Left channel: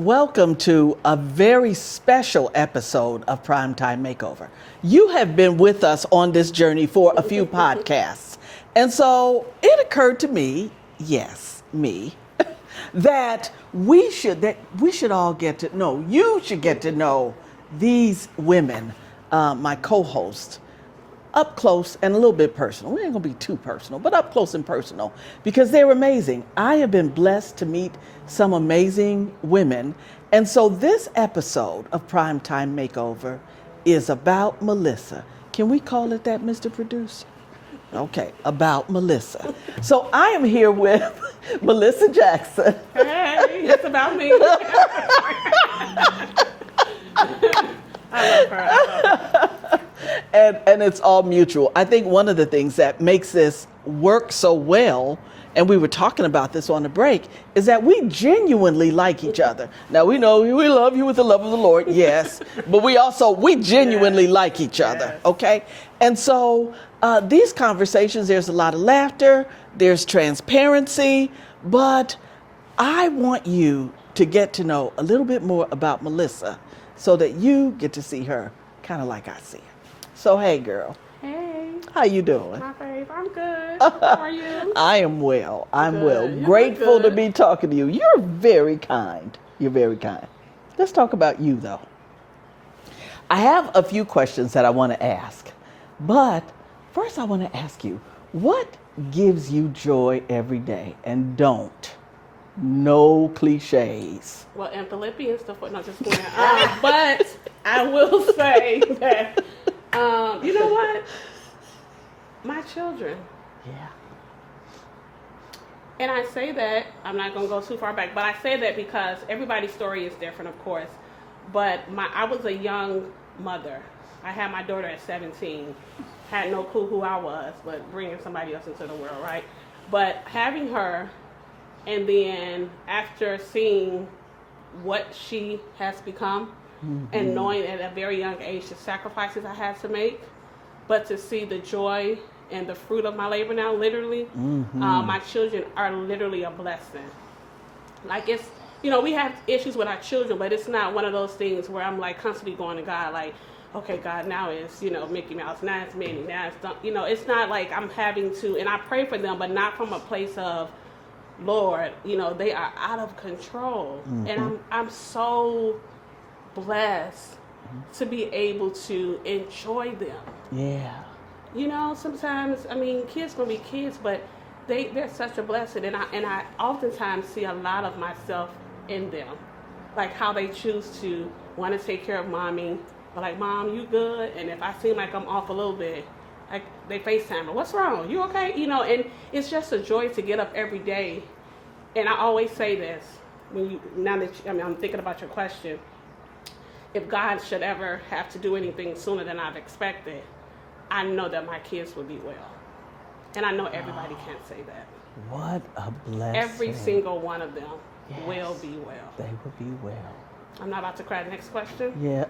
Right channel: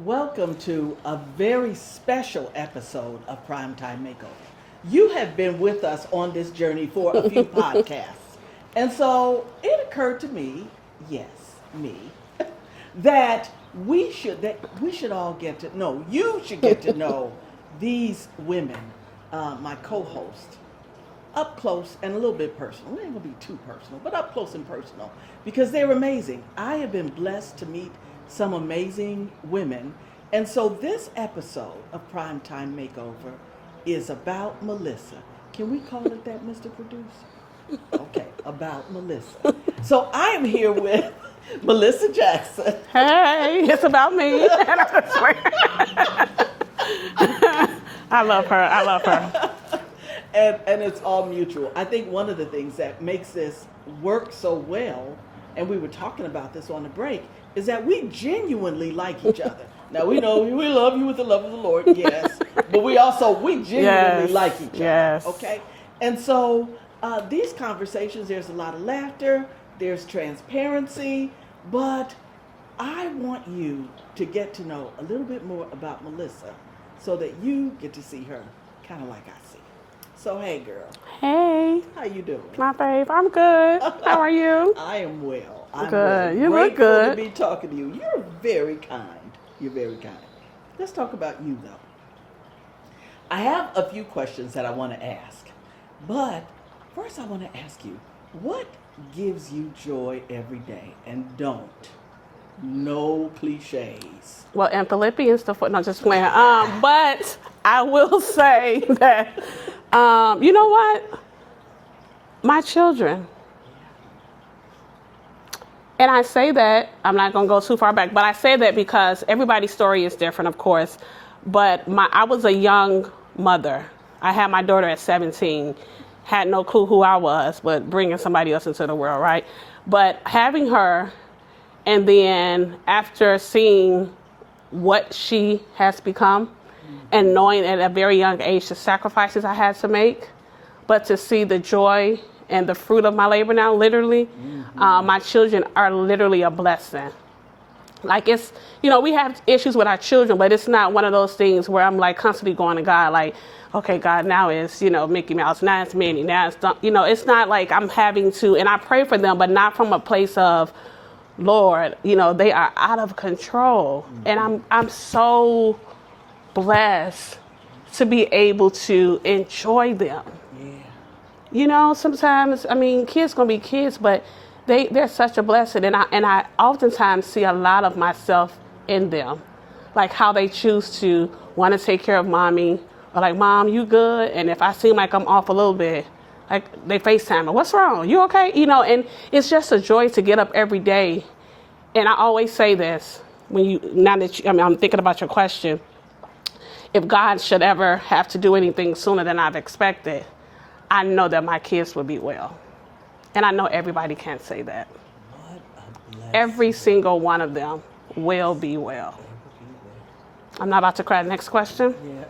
welcome to a very special episode of Primetime Makeover. You have been with us on this journey for a few podcasts. And so it occurred to me, yes, me, that we should all get to know, you should get to know these women, my co-hosts, up close and a little bit personal. We ain't gonna be too personal, but up close and personal, because they're amazing. I have been blessed to meet some amazing women. And so this episode of Primetime Makeover is about Melissa. Can we call it that, Mr. Producer? Okay, about Melissa. So I am here with Melissa Jackson. Hey, it's about me. I love her. And it's all mutual. I think one of the things that makes this work so well, and we were talking about this on the break, is that we genuinely like each other. Now, we know we love you with the love of the Lord, yes, but we genuinely like each other, okay? And so these conversations, there's a lot of laughter, there's transparency, but I want you to get to know a little bit more about Melissa so that you get to see her kind of like I see her. So, hey, girl. Hey. How you doing? My babe, I'm good. How are you? I am well. I'm good. well. You Grateful look good. to be talking to you. You're very kind. You're very kind. Let's talk about you, though. I have a few questions that I want to ask. But first, I want to ask you, what gives you joy every day? And don't. No cliches. Well, in Philippians, no, just playing. But I will say that, you know what? My children. Yeah. And I say that, I'm not going to go too far back, but I say that because everybody's story is different, of course. But I was a young mother. I had my daughter at 17. Had no clue who I was, but bringing somebody else into the world, right? But having her, and then after seeing what she has become, and knowing at a very young age the sacrifices I had to make, but to see the joy and the fruit of my labor now, literally, my children are literally a blessing. Like it's, we have issues with our children, but it's not one of those things where I'm like constantly going to God, like, okay, God, now it's, Mickey Mouse, now it's Minnie, now it's, it's not like I'm having to, and I pray for them, but not from a place of, Lord, they are out of control. And I'm so blessed to be able to enjoy them. Yeah. Sometimes, kids gonna be kids, but they're such a blessing. And I oftentimes see a lot of myself in them. Like how they choose to want to take care of mommy, or like, Mom, you good? And if I seem like I'm off a little bit, like they FaceTime me, what's wrong? You okay? And it's just a joy to get up every day. And I always say this, I'm thinking about your question. If God should ever have to do anything sooner than I've expected, I know that my kids will be well. And I know everybody can't say that. What a blessing. Every single one of them will be well. They will be well. I'm not about to cry. Next question? Yeah.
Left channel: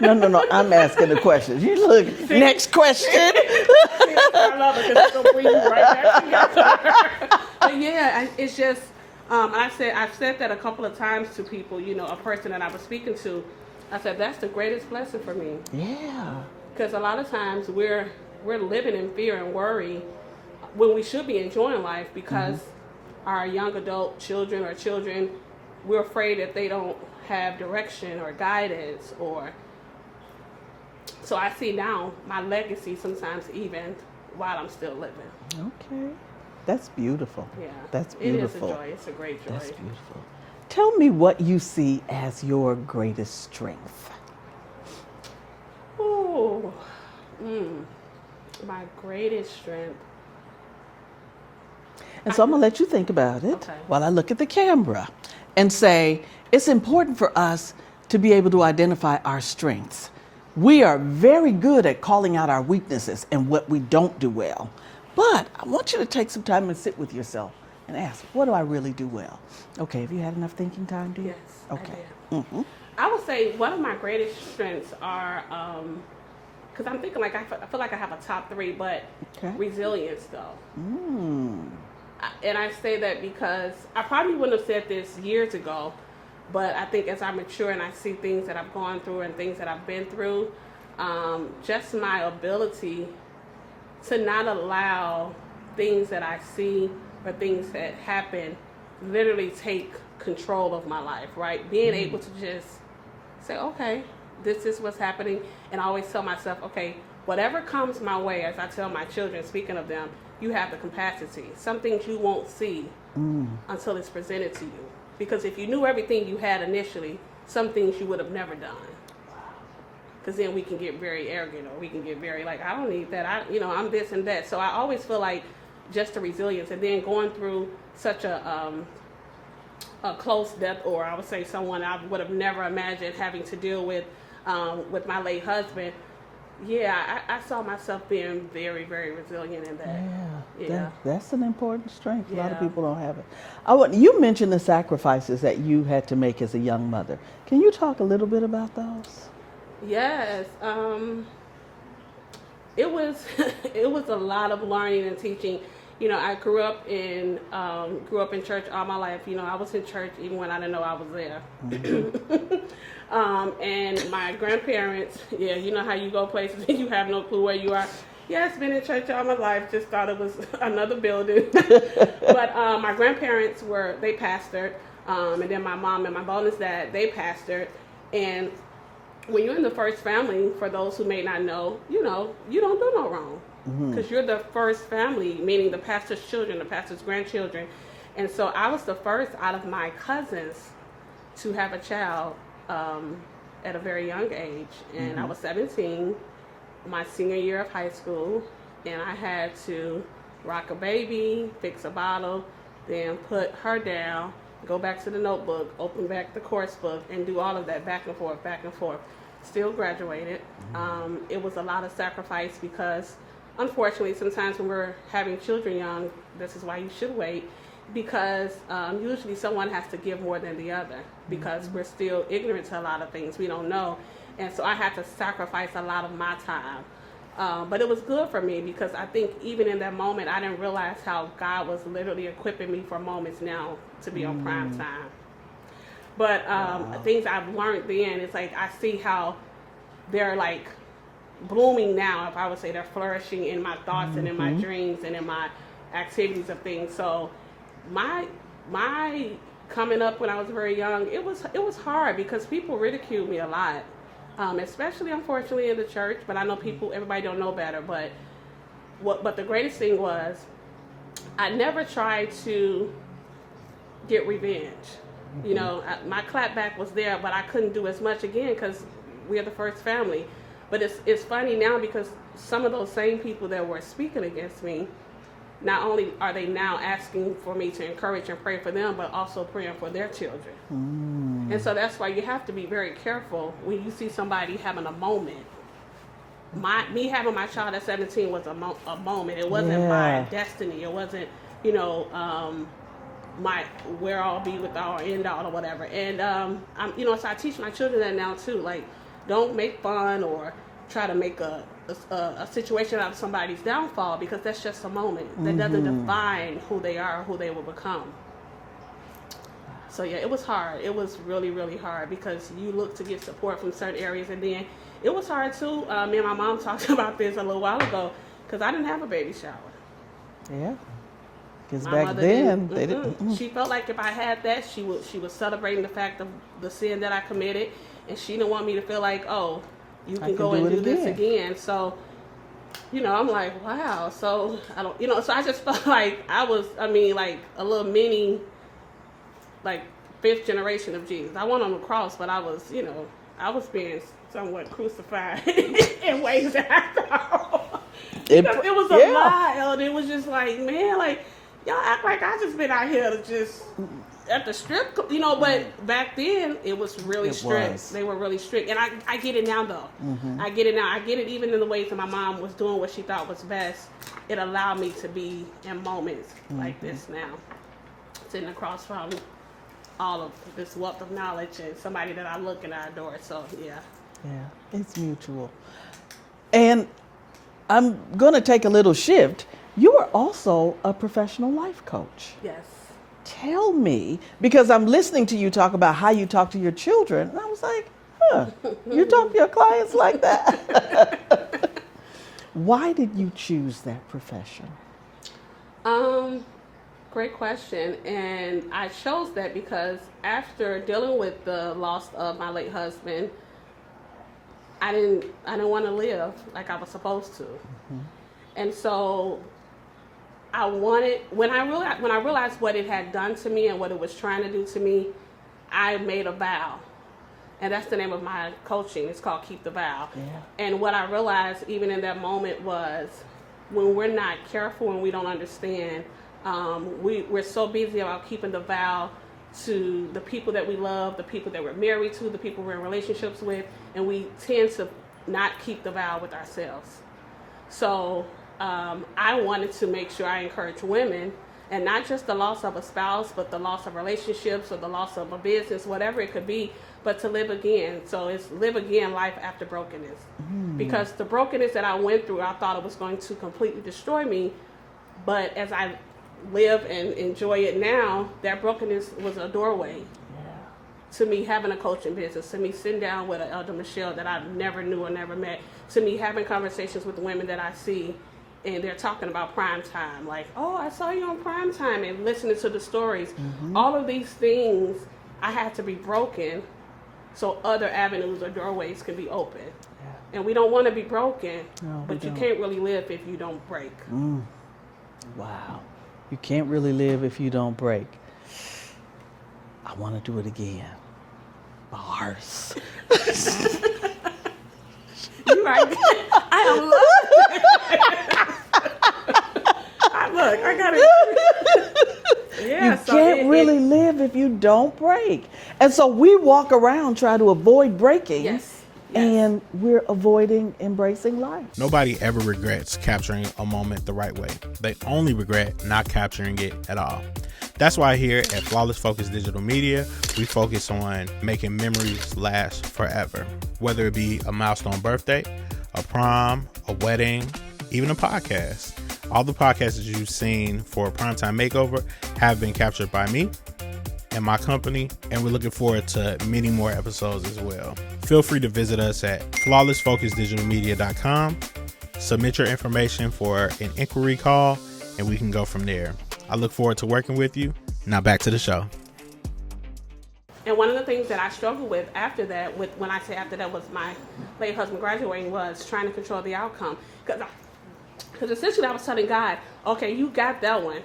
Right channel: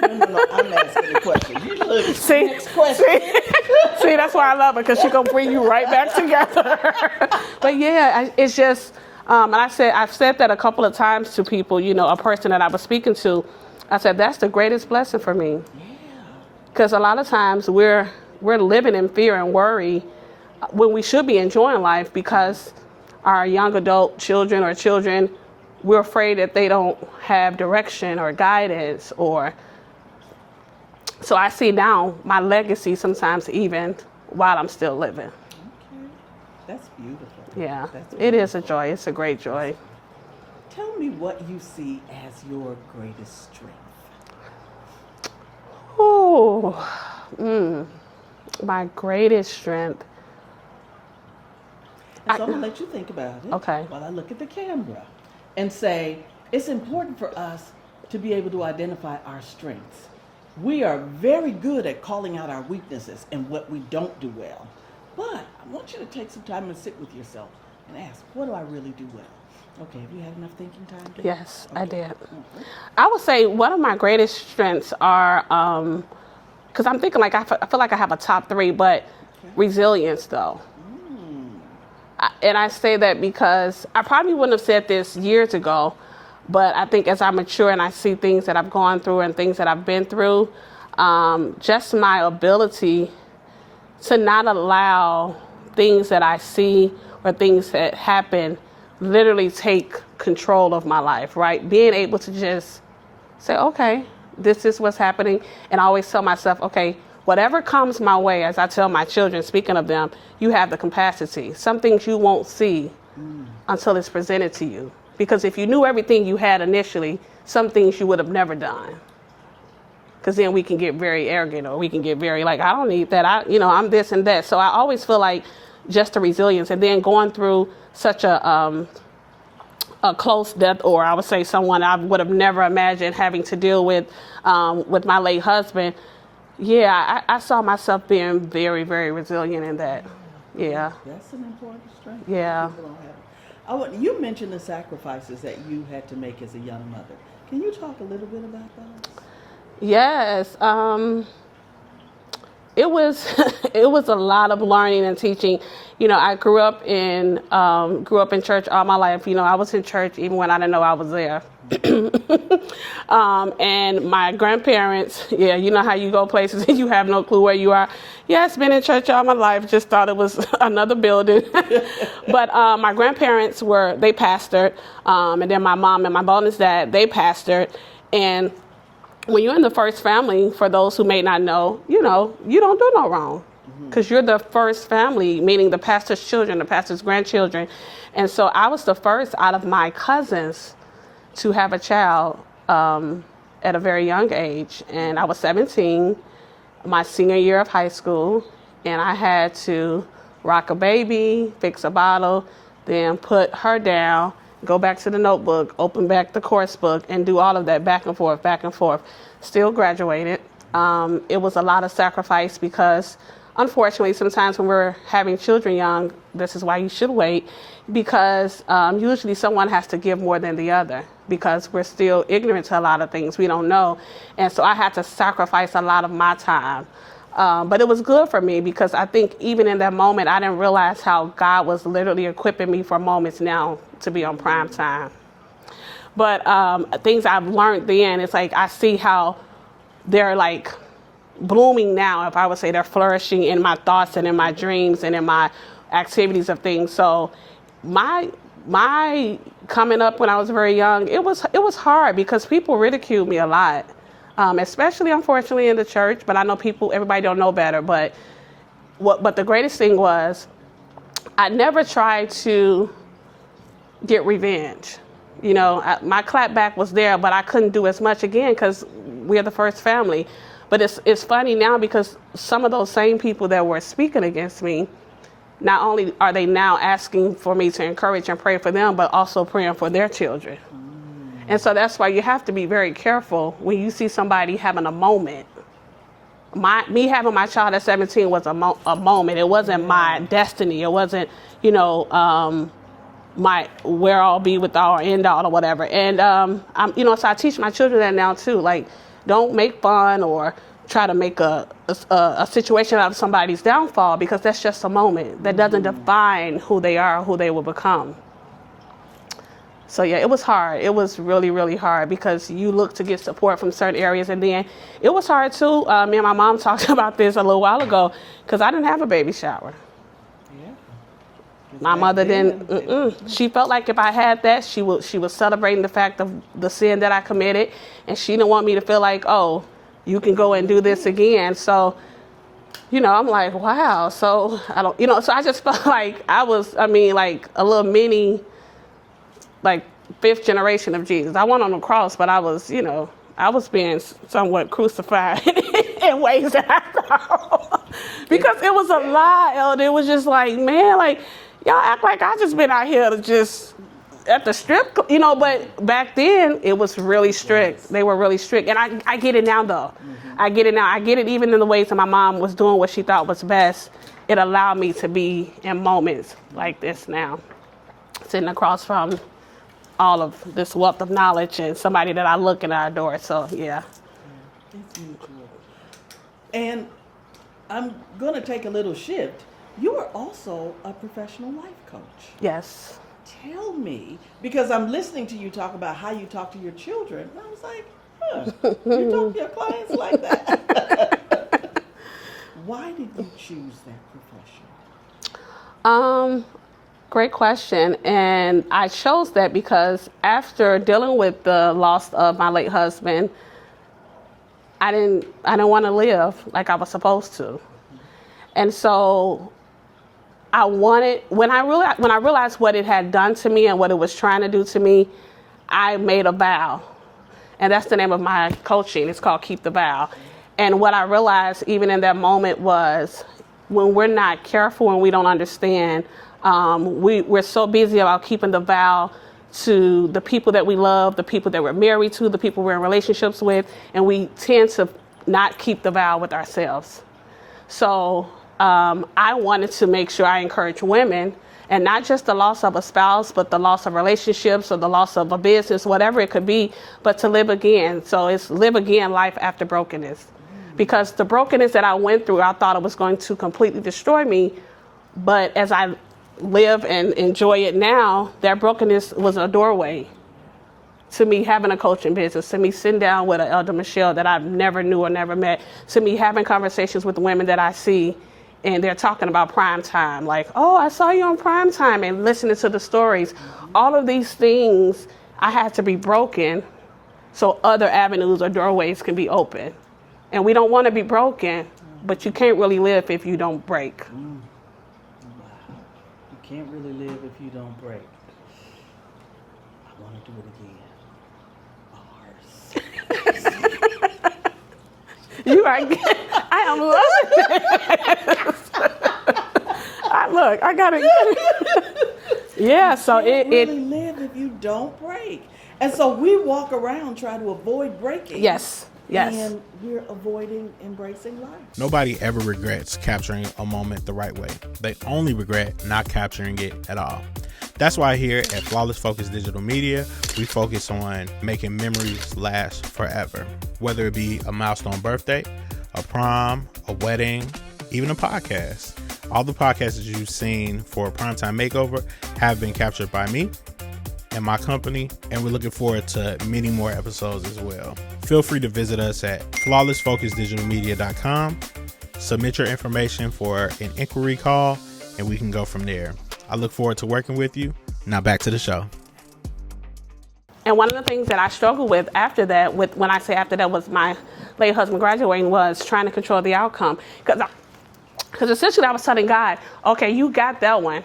No. I'm asking the question. You look. Next question. See, that's why I love it, because she's going to bring you right back together. But yeah, it's just, and I've said that a couple of times to people, a person that I was speaking to. I said, that's the greatest blessing for me. Yeah. Because a lot of times we're living in fear and worry when we should be enjoying life, because our young adult children, we're afraid that they don't have direction or guidance, so I see now my legacy sometimes even while I'm still living. Okay. That's beautiful. Yeah. That's beautiful. It is a joy. It's a great joy. That's beautiful. Tell me what you see as your greatest strength. Oh, my greatest strength. And so I'm going to let you think about it while I look at the camera and say, it's important for us to be able to identify our strengths. We are very good at calling out our weaknesses and what we don't do well. But I want you to take some time and sit with yourself and ask, what do I really do well? Okay, have you had enough thinking time? Yes, okay. I did. I would say one of my greatest strengths are, because I'm thinking like, I feel like I have a top 3, but resilience though. And I say that because I probably wouldn't have said this years ago, But I think as I mature and I see things that I've gone through and things that I've been through, just my ability to not allow things that I see or things that happen literally take control of my life, right? Being able to just say, okay, this is what's happening. And I always tell myself, okay, whatever comes my way, as I tell my children, speaking of them, you have the capacity. Some things you won't see until it's presented to you. Because if you knew everything you had initially, some things you would have never done. Because then we can get very arrogant, or we can get very like, I don't need that. I'm this and that. So I always feel like just the resilience, and then going through such a close death, or I would say someone I would have never imagined having to deal with my late husband. Yeah, I saw myself being very, very resilient in that. Yeah. That's an important strength. Yeah. A lot of people don't have it. You mentioned the sacrifices that you had to make as a young mother. Can you talk a little bit about those? Yes. It was it was a lot of learning and teaching. I grew up in church all my life. I was in church even when I didn't know I was there. And my grandparents, you know how you go places and you have no clue where you are. Yes, been in church all my life, just thought it was another building. But my grandparents they pastored, and then my mom and my bonus dad, they pastored. And when you're in the first family, for those who may not know, you don't do no wrong. Because you're the first family, meaning the pastor's children, the pastor's grandchildren. And so I was the first out of my cousins to have a child at a very young age. And I was 17, my senior year of high school, and I had to rock a baby, fix a bottle, then put her down, go back to the notebook, open back the course book, and do all of that back and forth, back and forth. Still graduated. It was a lot of sacrifice because, unfortunately, sometimes when we're having children young, this is why you should wait, because usually someone has to give more than the other because we're still ignorant to a lot of things we don't know. And so I had to sacrifice a lot of my time. But it was good for me because I think even in that moment, I didn't realize how God was literally equipping me for moments now to be on prime time. But things I've learned then, it's like I see how they're like blooming now, if I would say they're flourishing in my thoughts and in my dreams and in my activities of things. So my coming up when I was very young, it was hard because people ridiculed me a lot, especially unfortunately in the church. But I know everybody don't know better. But the greatest thing was I never tried to get revenge. My clapback was there, but I couldn't do as much again because we're the first family. But it's funny now because some of those same people that were speaking against me, not only are they now asking for me to encourage and pray for them, but also praying for their children. And so that's why you have to be very careful when you see somebody having a moment. Me having my child at 17 was a moment. It wasn't my destiny. It wasn't, my where I'll be with all or end all or whatever. And so I teach my children that now too. Like, don't make fun or try to make a situation out of somebody's downfall because that's just a moment. That doesn't define who they are or who they will become. So yeah, it was hard. It was really, really hard because you look to get support from certain areas, and then it was hard too. Me and my mom talked about this a little while ago because I didn't have a baby shower. Yeah. My mother didn't. She felt like if I had that, she was celebrating the fact of the sin that I committed, and she didn't want me to feel like, oh, you can go and do this again. So, I'm like, wow. So I don't, so I just felt like I was, like a little mini, like 5th generation of Jesus. I went on the cross, but I was, I was being somewhat crucified in ways that I thought because it was a lot. It was just like, man, like, y'all act like I just been out here to just at the strip, but back then it was really strict. They were really strict. And I get it now though. I get it now. I get it even in the ways that my mom was doing what she thought was best. It allowed me to be in moments like this now, sitting across from all of this wealth of knowledge and somebody that I look and I adore. So yeah. Yeah, it's mutual. And I'm going to take a little shift. You are also a professional life coach. Yes. tell me, because I'm listening to you talk about how you talk to your children, and I was like, huh, you talk to your clients like that? Why did you choose that profession? Great question. And I chose that because after dealing with the loss of my late husband, I didn't want to live like I was supposed to. And so I wanted, when I realized what it had done to me and what it was trying to do to me, I made a vow. And that's the name of my coaching. It's called Keep the Vow. And what I realized even in that moment was when we're not careful and we don't understand, we're so busy about keeping the vow to the people that we love, the people that we're married to, the people we're in relationships with, and we tend to not keep the vow with ourselves. So I wanted to make sure I encourage women, and not just the loss of a spouse, but the loss of relationships or the loss of a business, whatever it could be, but to live again. So it's live again life after brokenness. Because the brokenness that I went through, I thought it was going to completely destroy me. But as I live and enjoy it now, that brokenness was a doorway to me having a coaching business, to me sitting down with an elder Michelle that I never knew or never met, to me having conversations with the women that I see, and they're talking about prime time, like, oh, I saw you on prime time, and listening to the stories. All of these things, I had to be broken so other avenues or doorways can be open. And we don't want to be broken, but you can't really live if you don't break. Wow. You can't really live if you don't break. I want to do it again. Bars. You are good. I love it. Look, I got it. Yeah, You so can't really live if you don't break. And so we walk around trying to avoid breaking. Yes. And we're avoiding embracing life. Nobody ever regrets capturing a moment the right way. They only regret not capturing it at all. That's why here at Flawless Focus Digital Media, we focus on making memories last forever. Whether it be a milestone birthday, a prom, a wedding, even a podcast. All the podcasts that you've seen for Primetime Makeover have been captured by me and my company, and we're looking forward to many more episodes as well. Feel free to visit us at flawlessfocusdigitalmedia.com, submit your information for an inquiry call, and we can go from there. I look forward to working with you. Now back to the show. And one of the things that I struggled with after that, when I say after that was my late husband graduating, was trying to control the outcome. Because essentially I was telling God, okay, you got that one,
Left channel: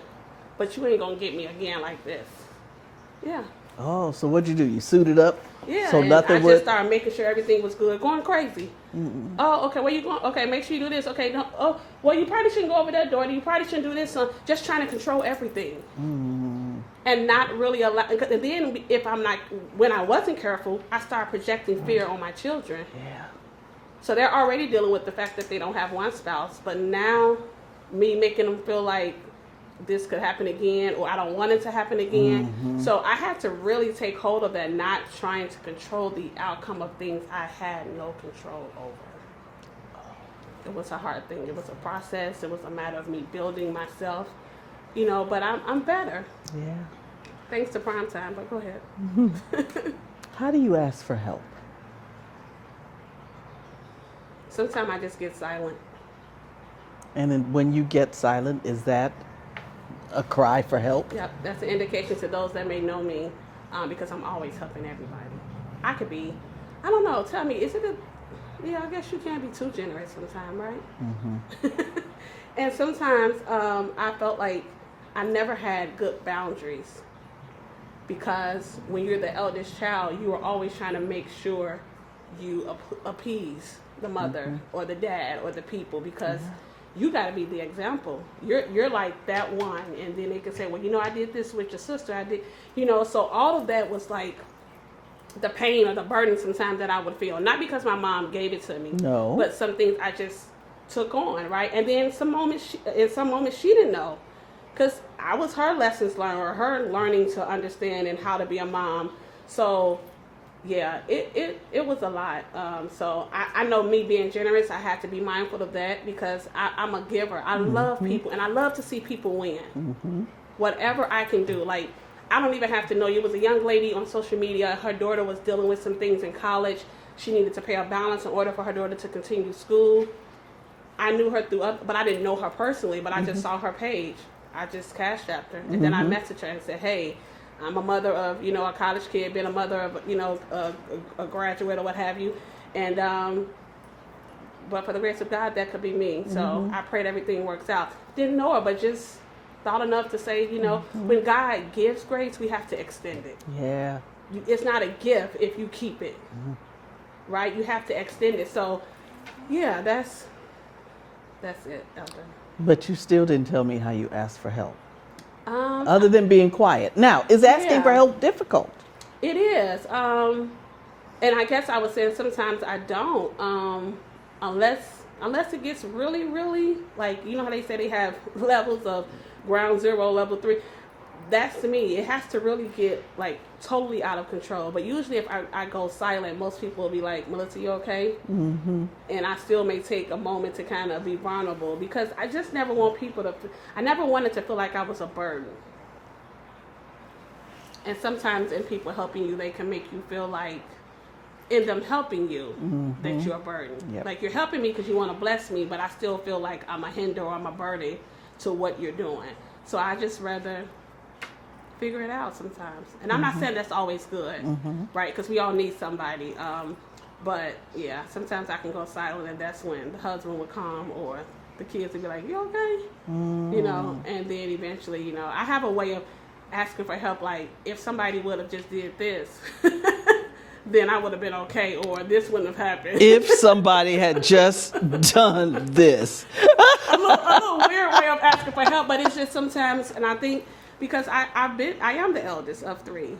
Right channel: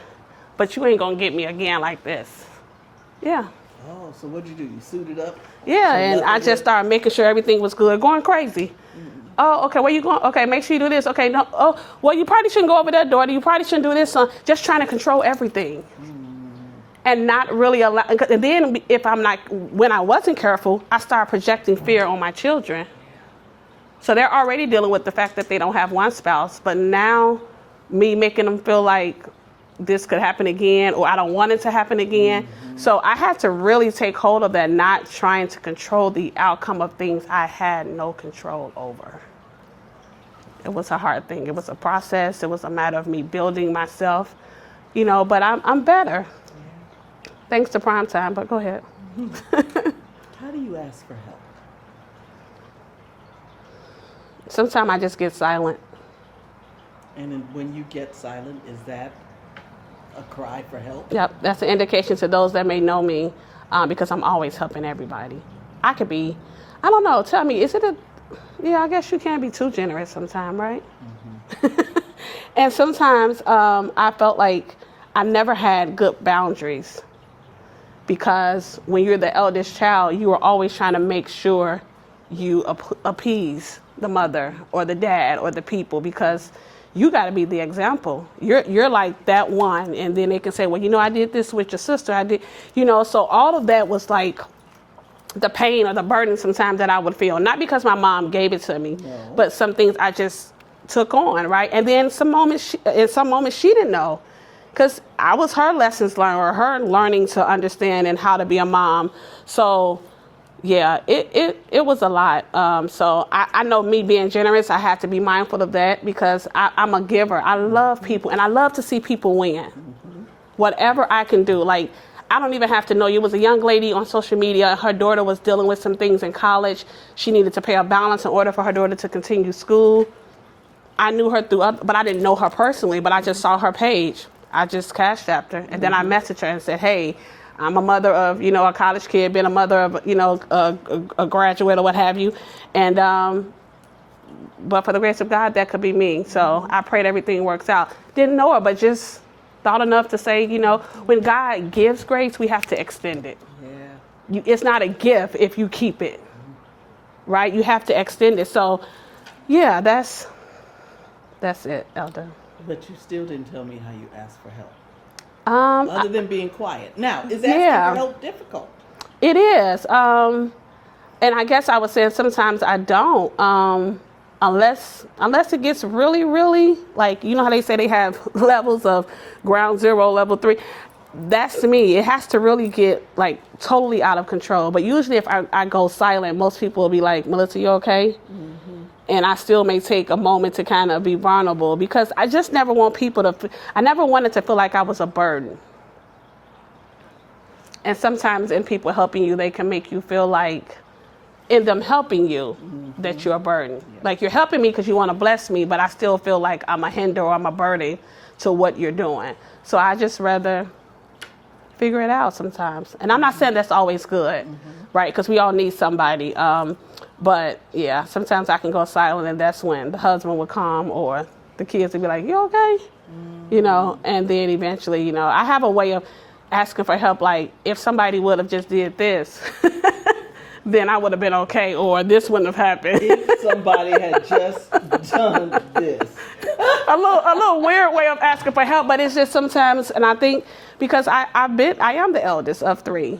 but you ain't going to get me again like this. Yeah. Oh, so what'd you do? You suited up? Yeah, so and I just started making sure everything was good, going crazy. Oh, okay, where you going? Okay, make sure you do this. Okay, no, oh, well, you probably shouldn't go over that door. You probably shouldn't do this. Just trying to control everything. And not really allow. And then when I wasn't careful, I started projecting fear on my children. So they're already dealing with the fact that they don't have one spouse, but now me making them feel like this could happen again, or I don't want it to happen again. So I had to really take hold of that, not trying to control the outcome of things I had no control over. It was a hard thing. It was a process. It was a matter of me building myself, but I'm better. Yeah. Thanks to Primetime, but go ahead. How do you ask for help? Sometimes I just get silent. And then when you get silent, is that a cry for help? Yep, that's an indication to those that may know me, because I'm always helping everybody. I could be, I don't know, tell me, I guess you can't be too generous sometimes, right? And sometimes I felt like I never had good boundaries, because when you're the eldest child, you are always trying to make sure you appease the mother or the dad or the people, because you got to be the example. You're like that one, and then they can say, well, I did this with your sister. I did, so all of that was like the pain or the burden sometimes that I would feel. Not because my mom gave it to me, No. but some things I just took on, right? And then in some moments she didn't know, because I was her lessons learned, or her learning to understand and how to be a mom. So yeah, it was a lot. So I know me being generous, I have to be mindful of that, because I'm a giver. I love people, and I love to see people win. Whatever I can do. Like, I don't even have to know you. It was a young lady on social media. Her daughter was dealing with some things in college. She needed to pay a balance in order for her daughter to continue school. I knew her but I didn't know her personally, but I just saw her page. I just cash apped her, and then I messaged her and said, hey, I'm a mother of, a college kid, been a mother of, a graduate or what have you. And, but for the grace of God, that could be me. So I prayed everything works out. Didn't know her, but just thought enough to say, when God gives grace, we have to extend it. Yeah. It's not a gift if you keep it, right? You have to extend it. So, yeah, that's it, Elder. But you still didn't tell me how you asked for help. Other than being quiet. Now, is asking for help difficult? It is. And I guess I would say sometimes I don't. Unless it gets really, really, like, how they say they have levels of ground zero, level 3. That's to me, it has to really get like totally out of control. But usually if I go silent, most people will be like, Melissa, you okay? And I still may take a moment to kind of be vulnerable, because I just never want I never wanted to feel like I was a burden. And sometimes in people helping you, they can make you feel like, in them helping you, that you're a burden. Yep. Like, you're helping me because you want to bless me, but I still feel like I'm a hinder or I'm a burden to what you're doing. So I just rather figure it out sometimes. And I'm not saying that's always good, right? Because we all need somebody. But yeah, sometimes I can go silent, and that's when the husband would come or the kids would be like, you okay? And then eventually, I have a way of asking for help. Like, if somebody would have just did this, then I would have been okay, or this wouldn't have happened. If somebody had just done this. a little weird way of asking for help, but it's just sometimes, and I think because I am the eldest of 3.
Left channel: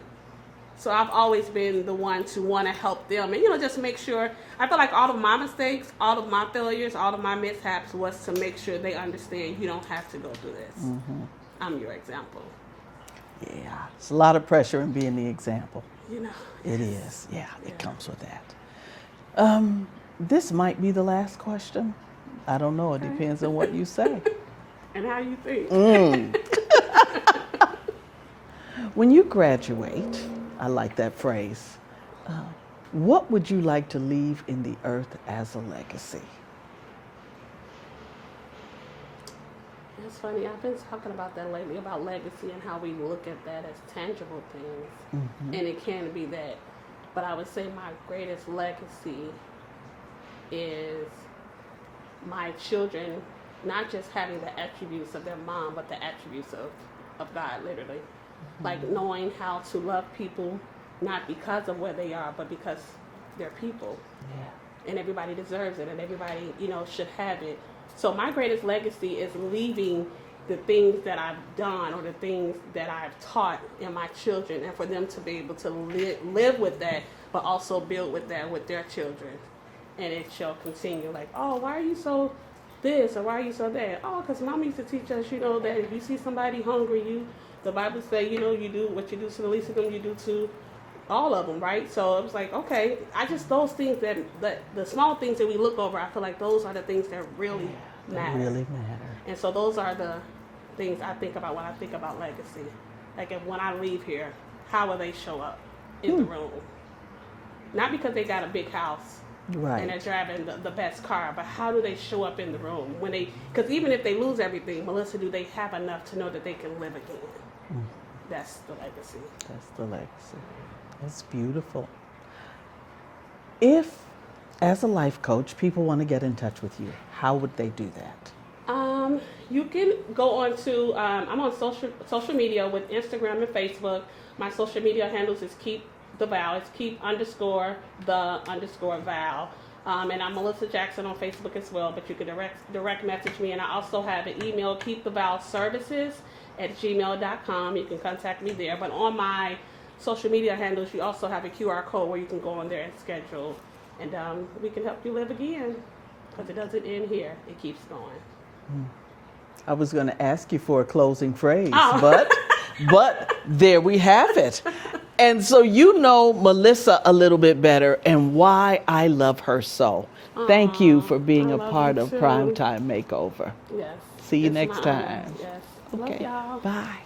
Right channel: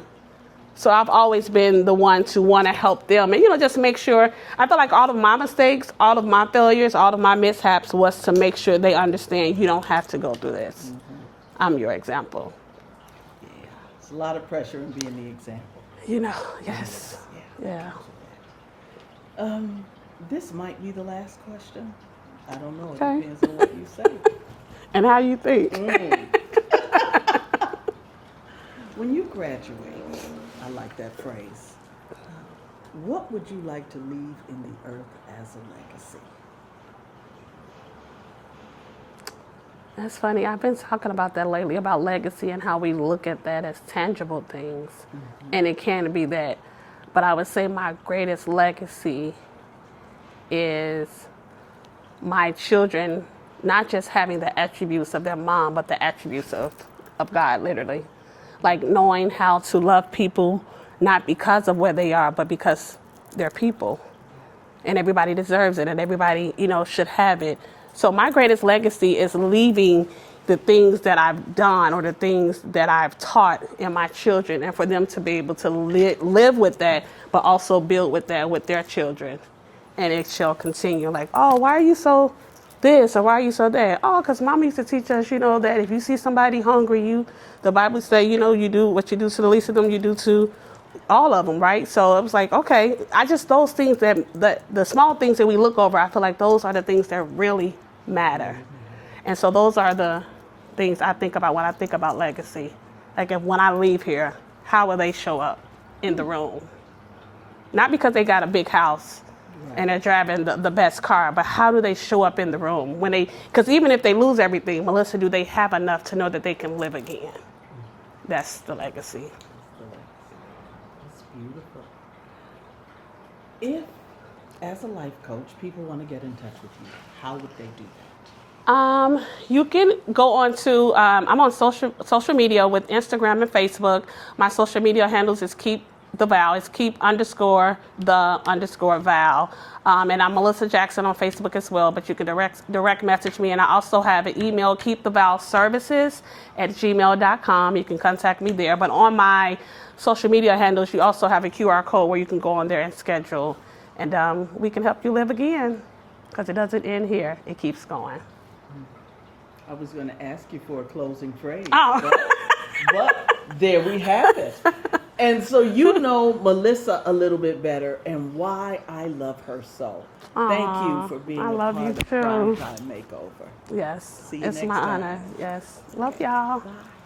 So I've always been the one to want to help them and, just make sure. I feel like all of my mistakes, all of my failures, all of my mishaps was to make sure they understand you don't have to go through this. I'm your example. Yeah, it's a lot of pressure in being the example. Yes. It is. Yeah, that comes with that. This might be the last question. I don't know. It depends on what you say. And how you think. When you graduate, I like that phrase, what would you like to leave in the earth as a legacy? That's funny. I've been talking about that lately, about legacy and how we look at that as tangible things. And it can be that. But I would say my greatest legacy is my children not just having the attributes of their mom, but the attributes of God, literally. Like knowing how to love people, not because of where they are, but because they're people. And everybody deserves it, and everybody, should have it. So my greatest legacy is leaving the things that I've done or the things that I've taught in my children, and for them to be able to live with that, but also build with that with their children. And it shall continue. Like, oh, why are you so this, or why are you so that? Oh, because Mama used to teach us, that if you see somebody hungry, the Bible say, you do what you do to the least of them, you do to all of them, right? So it was like, okay, those things that the small things that we look over, I feel like those are the things that really matter. And so those are the things I think about when I think about legacy. Like, when I leave here, how will they show up in the room? Not because they got a big house and they're driving the best car, but how do they show up in the room? Because even if they lose everything, Melissa, do they have enough to know that they can live again? That's the legacy. That's the legacy. That's beautiful. If, as a life coach, people want to get in touch with you, how would they do that? You can go on to, I'm on social media with Instagram and Facebook. My social media handles is Keep the Vow. It's keep_the_vow. And I'm Melissa Jackson on Facebook as well, but you can direct message me. And I also have an email, keepthevowservices@gmail.com. You can contact me there. But on my social media handles, you also have a QR code where you can go on there and schedule. And we can help you live again, because it doesn't end here. It keeps going. I was going to ask you for a closing phrase, but there we have it. And so Melissa a little bit better and why I love her so. Thank you for being a part of Primetime Makeover. Yes. See you next time. Honor. Yes. Love y'all. Bye.